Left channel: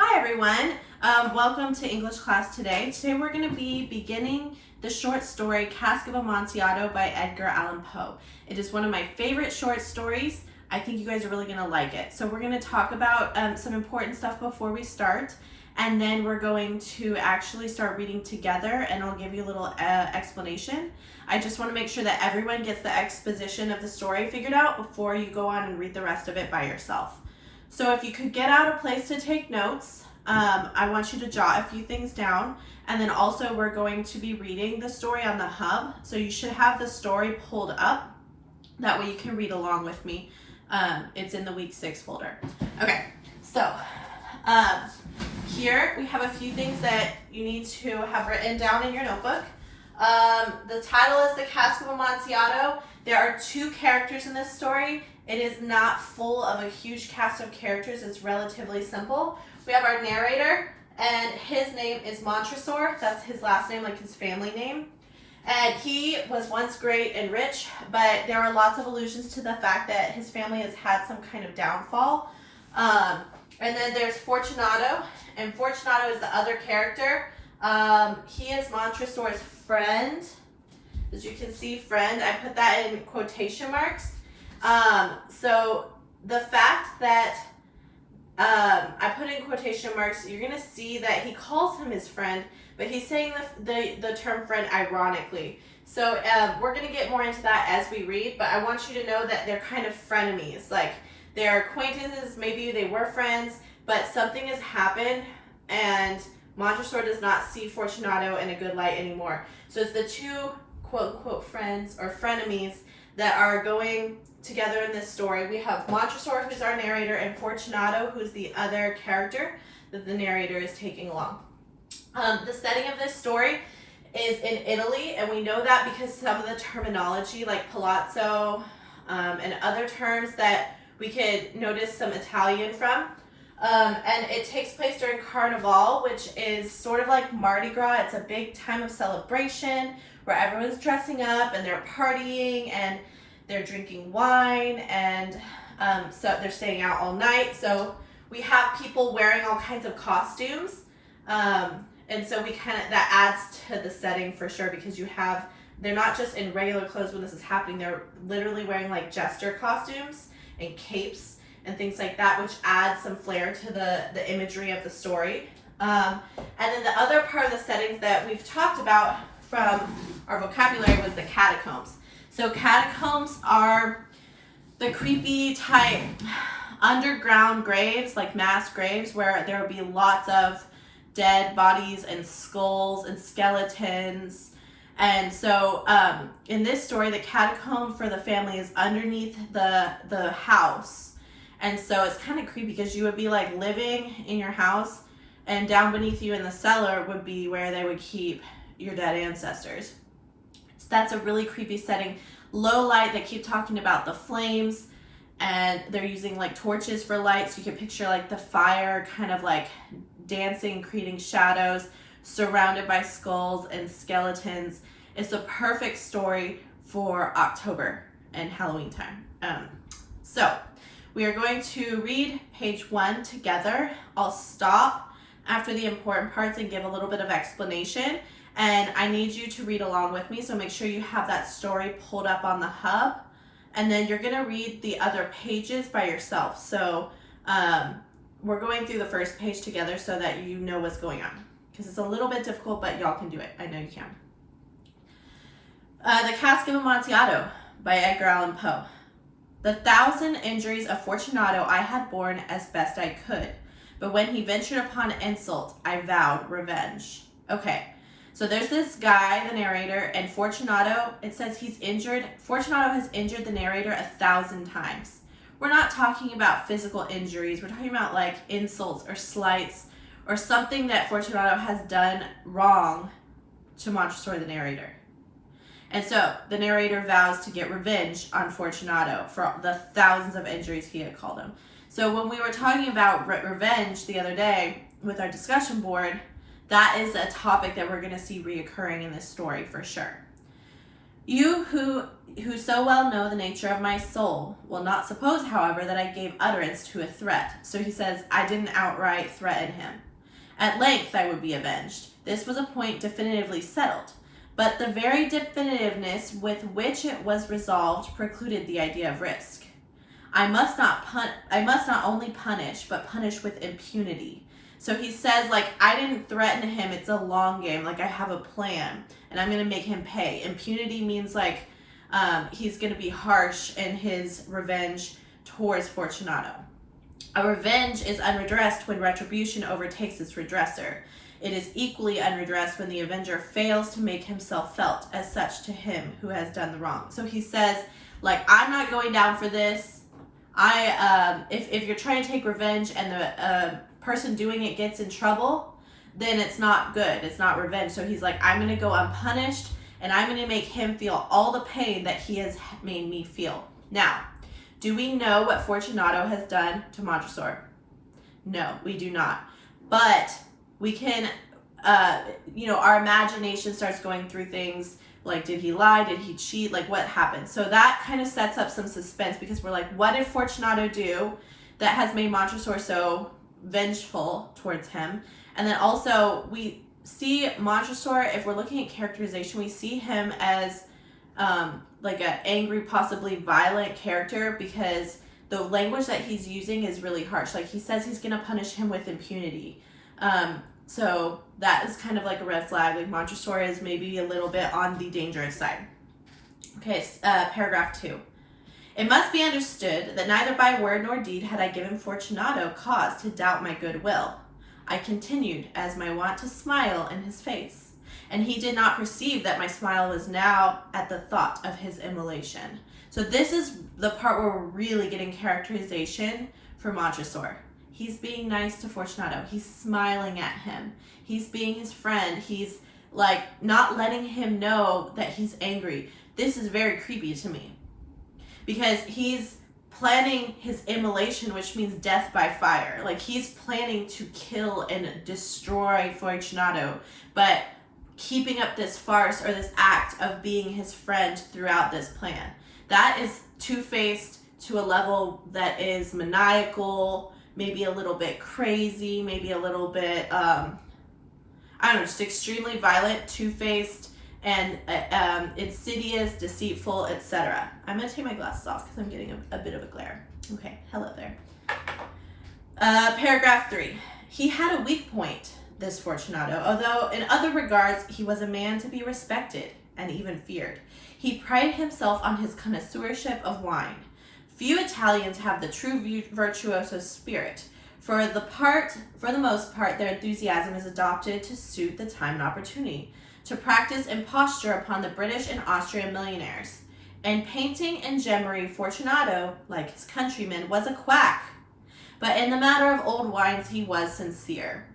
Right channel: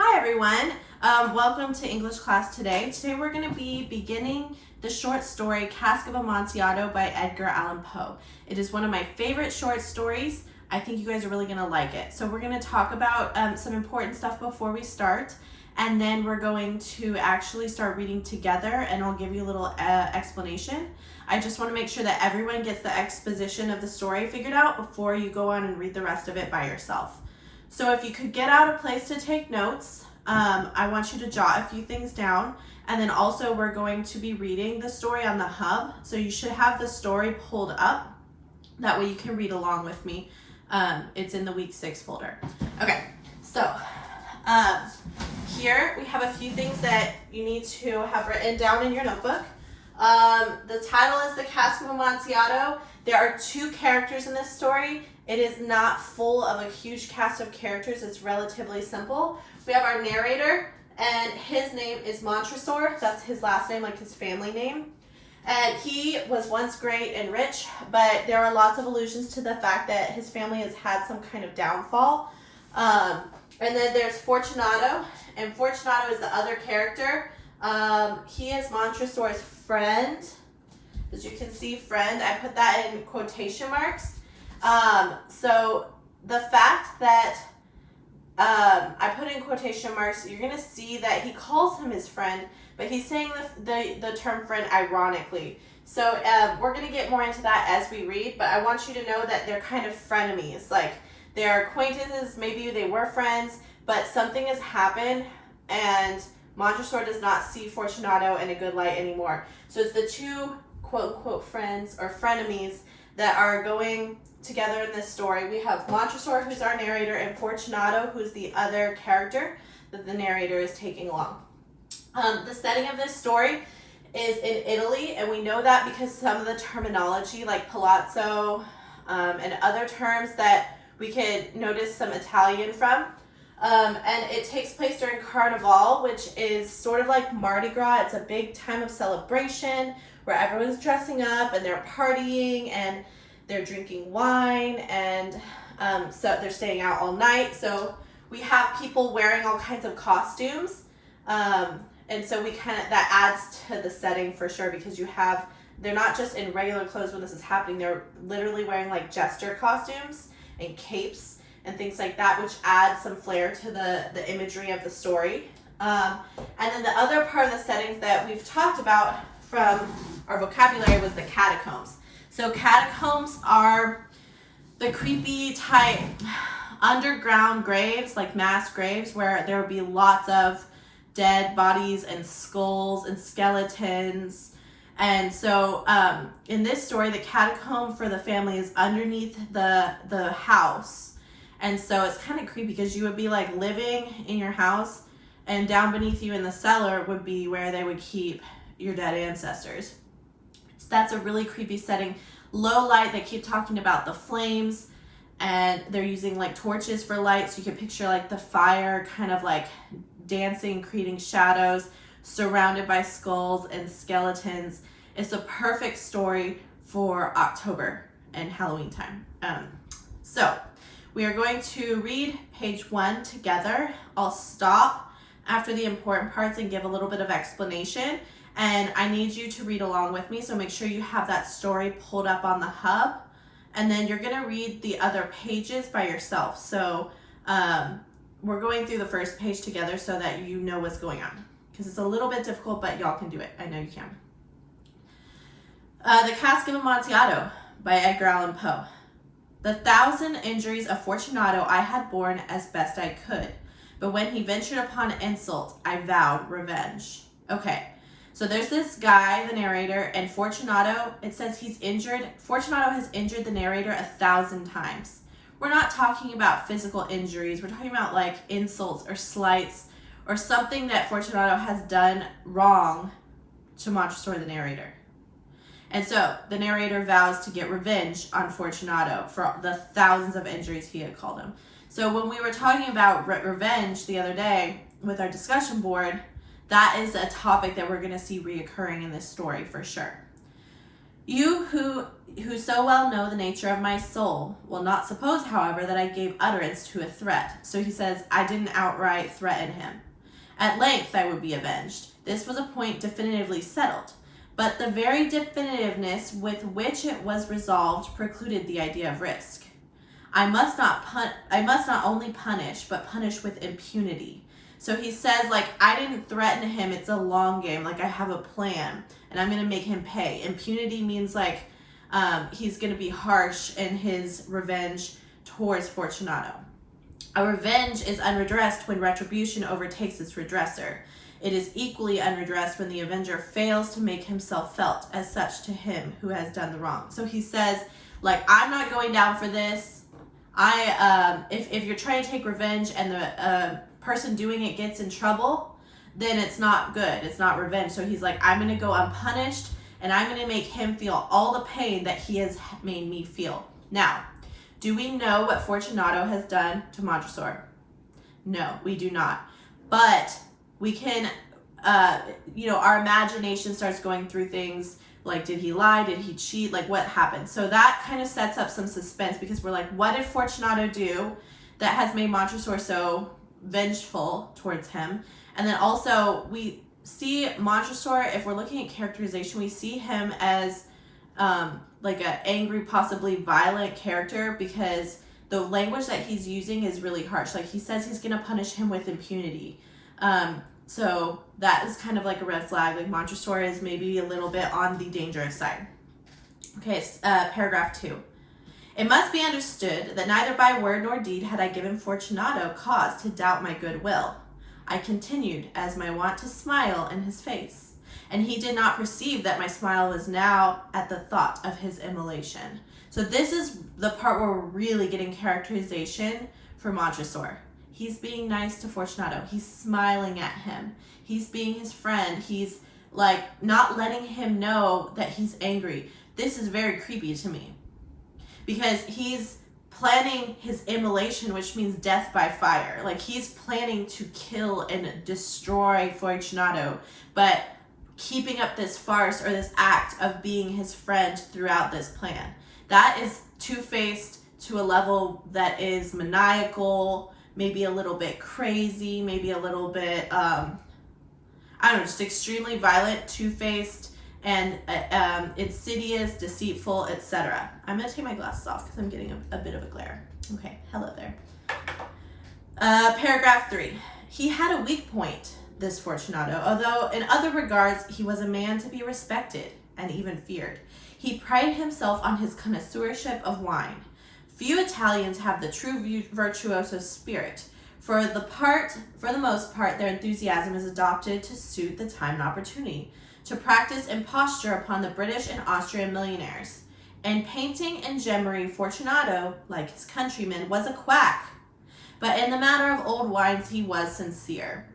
Hi everyone, welcome to English class today. Today we're going to be beginning the short story Cask of Amontillado by Edgar Allan Poe. It is one of my favorite short stories. I think you guys are really going to like it. So we're going to talk about some important stuff before we start, and then we're going to actually start reading together, and I'll give you a little explanation. I just want to make sure that everyone gets the exposition of the story figured out before you go on and read the rest of it by yourself. So if you could get out a place to take notes, I want you to jot a few things down. And then also we're going to be reading the story on the hub. So you should have the story pulled up. That way you can read along with me. It's in the week 6 folder. Okay, so here we have a few things that you need to have written down in your notebook. The title is The Cask of Amontillado. There are 2 characters in this story. It is not full of a huge cast of characters. It's relatively simple. We have our narrator, and his name is Montresor. That's his last name, like his family name. And he was once great and rich, but there are lots of allusions to the fact that his family has had some kind of downfall. And then there's Fortunato, and Fortunato is the other character. He is Montresor's friend. As you can see, friend, I put that in quotation marks. So the fact that I put in quotation marks, you're going to see that he calls him his friend, but he's saying the term friend ironically. So we're going to get more into that as we read, but I want you to know that they're kind of frenemies. Like, they're acquaintances, maybe they were friends, but something has happened, and Montresor does not see Fortunato in a good light anymore. So it's the 2 quote-unquote friends or frenemies that are going together in this story. We have Montresor, who's our narrator, and Fortunato, who's the other character that the narrator is taking along. The setting of this story is in Italy, and we know that because some of the terminology, like palazzo and other terms that we could notice some Italian from. And it takes place during Carnival, which is sort of like Mardi Gras. It's a big time of celebration where everyone's dressing up and they're partying and they're drinking wine, and so they're staying out all night. So we have people wearing all kinds of costumes, and so that adds to the setting for sure, because they're not just in regular clothes when this is happening. They're literally wearing like jester costumes and capes and things like that, which adds some flair to the imagery of the story. And then the other part of the settings that we've talked about from our vocabulary was the catacombs. So catacombs are the creepy type underground graves, like mass graves, where there will be lots of dead bodies and skulls and skeletons. And so in this story, the catacomb for the family is underneath the house. And so it's kind of creepy because you would be like living in your house, and down beneath you in the cellar would be where they would keep your dead ancestors. So that's a really creepy setting. Low light, they keep talking about the flames, and they're using like torches for light, so you can picture like the fire kind of like dancing, creating shadows, surrounded by skulls and skeletons. It's a perfect story for October and Halloween time. So we are going to read page 1 together. I'll stop after the important parts and give a little bit of explanation. And I need you to read along with me, so make sure you have that story pulled up on the hub. And then you're going to read the other pages by yourself. So we're going through the first page together so that you know what's going on, because it's a little bit difficult, but y'all can do it. I know you can. The Cask of Amontillado by Edgar Allan Poe. The 1,000 injuries of Fortunato I had borne as best I could, but when he ventured upon insult, I vowed revenge. Okay. So there's this guy, the narrator, and Fortunato, it says Fortunato has injured the narrator 1,000 times. We're not talking about physical injuries. We're talking about like insults or slights or something that Fortunato has done wrong to Montresor, the narrator. And so the narrator vows to get revenge on Fortunato for the thousands of injuries he had called him. So when we were talking about revenge the other day with our discussion board, that is a topic that we're going to see reoccurring in this story for sure. You who so well know the nature of my soul, will not suppose, however, that I gave utterance to a threat. So he says, I didn't outright threaten him. At length I would be avenged. This was a point definitively settled. But the very definitiveness with which it was resolved precluded the idea of risk. I must not only punish, but punish with impunity. So he says, like, I didn't threaten him. It's a long game. Like, I have a plan, and I'm going to make him pay. Impunity means, like, he's going to be harsh in his revenge towards Fortunato. A revenge is unredressed when retribution overtakes its redresser. It is equally unredressed when the avenger fails to make himself felt as such to him who has done the wrong. So he says, like, I'm not going down for this. If you're trying to take revenge and the person doing it gets in trouble, then it's not good. It's not revenge. So he's like, I'm going to go unpunished, and I'm going to make him feel all the pain that he has made me feel. Now, do we know what Fortunato has done to Montresor? No, we do not. But we can, our imagination starts going through things like, did he lie? Did he cheat? Like, what happened? So that kind of sets up some suspense, because we're like, what did Fortunato do that has made Montresor so vengeful towards him? And then also we see Montresor, if we're looking at characterization, we see him as like an angry, possibly violent character, because the language that he's using is really harsh. Like, he says he's going to punish him with impunity. So that is kind of like a red flag. Like, Montresor is maybe a little bit on the dangerous side. Okay, paragraph 2. It must be understood that neither by word nor deed had I given Fortunato cause to doubt my goodwill. I continued, as my wont, to smile in his face, and he did not perceive that my smile was now at the thought of his immolation. So this is the part where we're really getting characterization for Montresor. He's being nice to Fortunato. He's smiling at him. He's being his friend. He's like not letting him know that he's angry. This is very creepy to me, because he's planning his immolation, which means death by fire. Like, he's planning to kill and destroy Fortunato, but keeping up this farce or this act of being his friend throughout this plan. That is two-faced to a level that is maniacal, maybe a little bit crazy, maybe a little bit, just extremely violent, two-faced, and insidious, deceitful, etc. I'm going to take my glasses off because I'm getting a bit of a glare. Okay, hello there. Paragraph 3. He had a weak point, this Fortunato, although in other regards he was a man to be respected and even feared. He prided himself on his connoisseurship of wine. Few Italians have the true virtuoso spirit. For the most part, their enthusiasm is adopted to suit the time and opportunity, to practice imposture upon the British and Austrian millionaires. In painting and gemmery, Fortunato, like his countrymen, was a quack. But in the matter of old wines, he was sincere.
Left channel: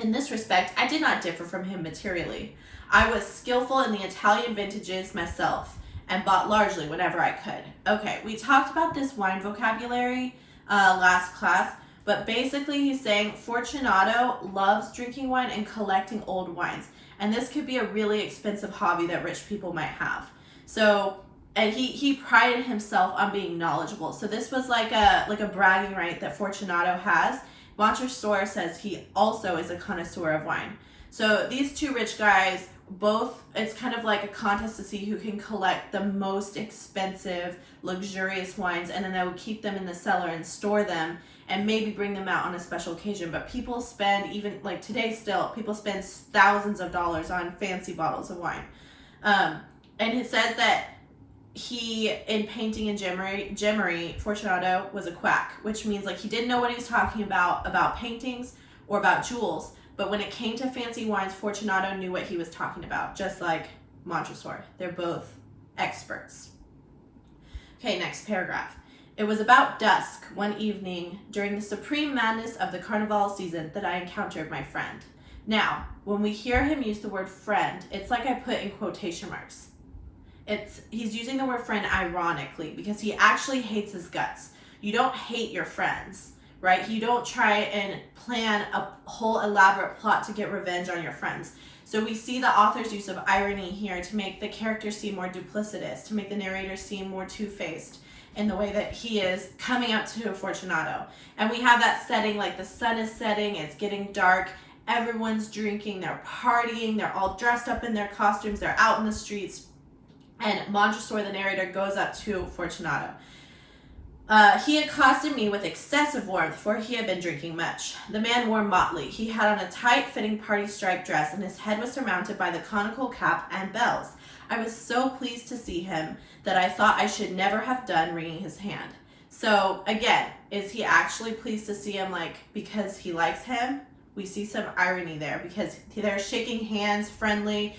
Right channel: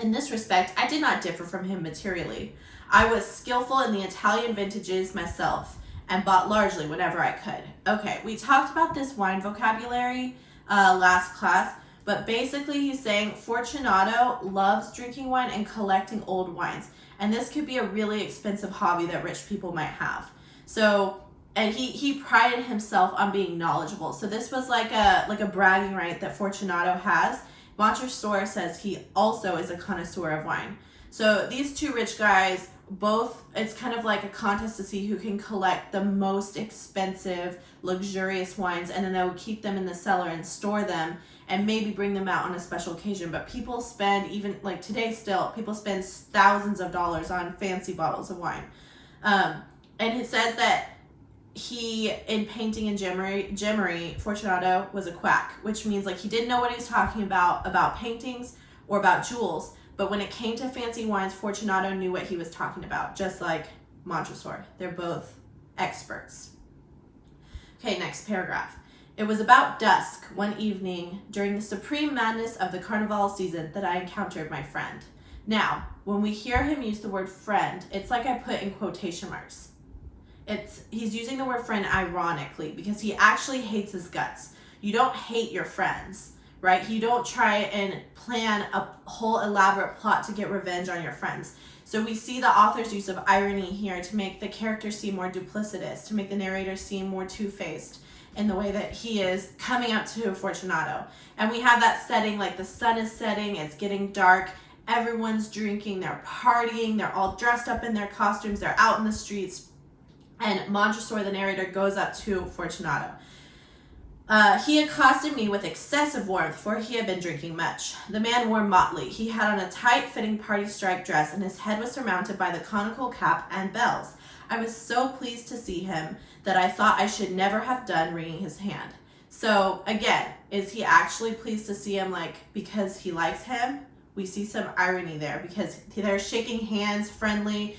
In this respect, I did not differ from him materially. I was skillful in the Italian vintages myself, and bought largely whenever I could. Okay, we talked about this wine vocabulary last class, but basically he's saying Fortunato loves drinking wine and collecting old wines. And this could be a really expensive hobby that rich people might have. So, and he prided himself on being knowledgeable. So this was like a bragging right that Fortunato has. Montresor says he also is a connoisseur of wine. So these two rich guys, both, it's kind of like a contest to see who can collect the most expensive, luxurious wines, and then they would keep them in the cellar and store them and maybe bring them out on a special occasion. But people spend, even like today still, people spend thousands of dollars on fancy bottles of wine. And it says that he, in painting and gemmery, Fortunato was a quack, which means like he didn't know what he was talking about paintings or about jewels. But when it came to fancy wines, Fortunato knew what he was talking about, just like Montresor. They're both experts. Okay, next paragraph. It was about dusk one evening during the supreme madness of the carnival season that I encountered my friend. Now, when we hear him use the word friend, it's like I put in quotation marks. He's using the word friend ironically because he actually hates his guts. You don't hate your friends, right? You don't try and plan a whole elaborate plot to get revenge on your friends. So we see the author's use of irony here to make the character seem more duplicitous, to make the narrator seem more two-faced in the way that he is coming up to Fortunato. And we have that setting, like the sun is setting, it's getting dark, everyone's drinking, they're partying, they're all dressed up in their costumes, they're out in the streets, and Montresor, the narrator, goes up to Fortunato. He accosted me with excessive warmth, for he had been drinking much. The man wore motley. He had on a tight-fitting party stripe dress, and his head was surmounted by the conical cap and bells. I was so pleased to see him that I thought I should never have done wringing his hand. So, again, is he actually pleased to see him, like, because he likes him? We see some irony there, because they're shaking hands, friendly.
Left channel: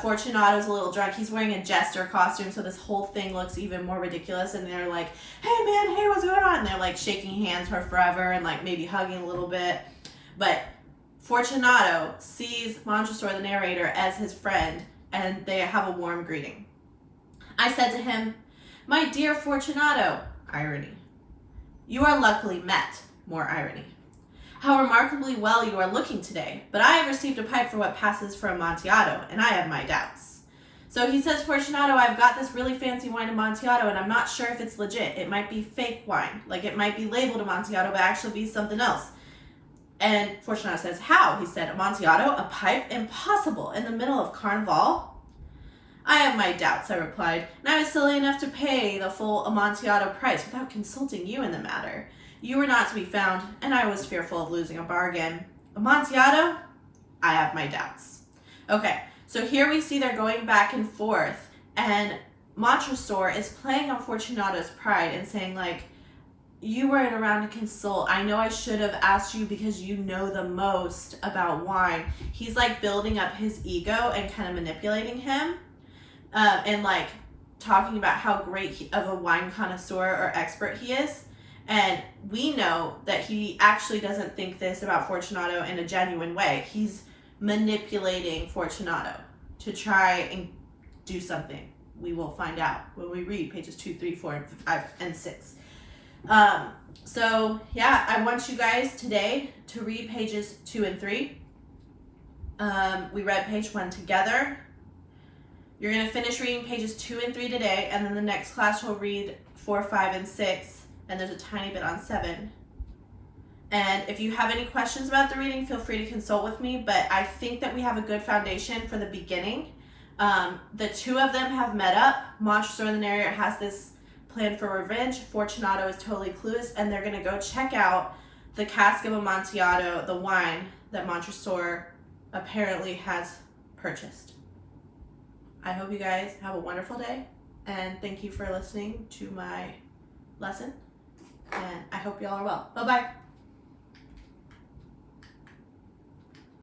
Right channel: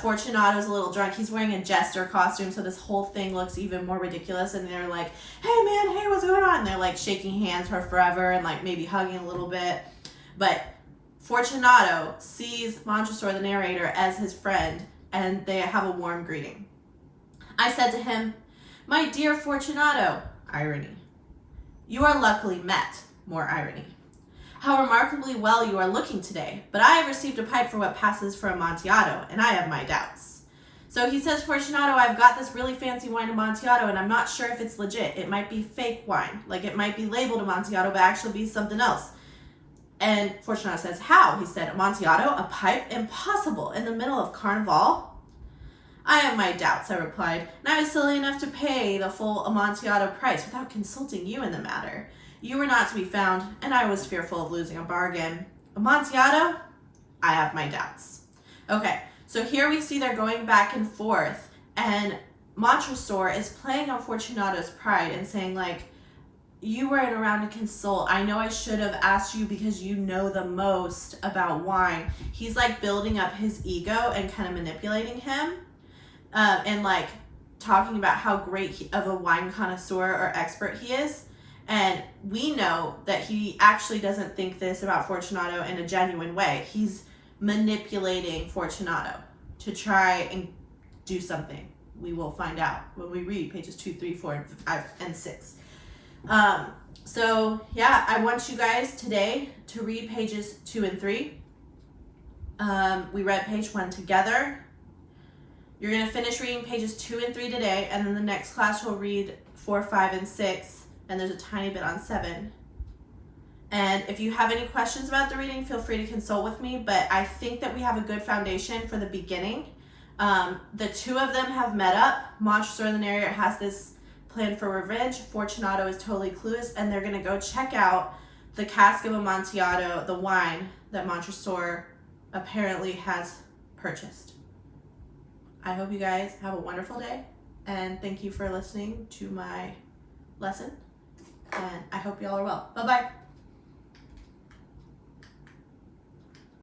Fortunato's a little drunk. He's wearing a jester costume, so this whole thing looks even more ridiculous. And they're like, hey man, hey, what's going on? And they're like shaking hands for forever and like maybe hugging a little bit. But Fortunato sees Montresor, the narrator, as his friend, and they have a warm greeting. I said to him, my dear Fortunato, irony. You are luckily met, more irony. How remarkably well you are looking today, but I have received a pipe for what passes for Amontillado, and I have my doubts. So he says, Fortunato, I've got this really fancy wine Amontillado, and I'm not sure if it's legit. It might be fake wine. Like, it might be labeled Amontillado, but actually be something else. And Fortunato says, how? He said, Amontillado, a pipe? Impossible. In the middle of Carnival? I have my doubts, I replied, and I was silly enough to pay the full Amontillado price without consulting you in the matter. You were not to be found, and I was fearful of losing a bargain. Amontillado? I have my doubts. Okay, so here we see they're going back and forth, and Montresor is playing on Fortunato's pride and saying, like, you weren't around to consult. I know I should have asked you because you know the most about wine. He's, like, building up his ego and kind of manipulating him, and, like, talking about how great of a wine connoisseur or expert he is. And we know that he actually doesn't think this about Fortunato in a genuine way. He's manipulating Fortunato to try and do something. We will find out when we read pages 2, 3, 4, 5, and 6. So yeah, I want you guys today to read pages 2 and 3. We read page 1 together. You're going to finish reading pages 2 and 3 today, and then the next class will read 4, 5, and 6. And there's a tiny bit on 7. And if you have any questions about the reading, feel free to consult with me, but I think that we have a good foundation for the beginning. The two of them have met up. Montresor, the narrator, has this plan for revenge. Fortunato is totally clueless, and they're gonna go check out the Cask of Amontillado, the wine that Montresor apparently has purchased. I hope you guys have a wonderful day, and thank you for listening to my lesson. And I hope y'all are well. Bye-bye.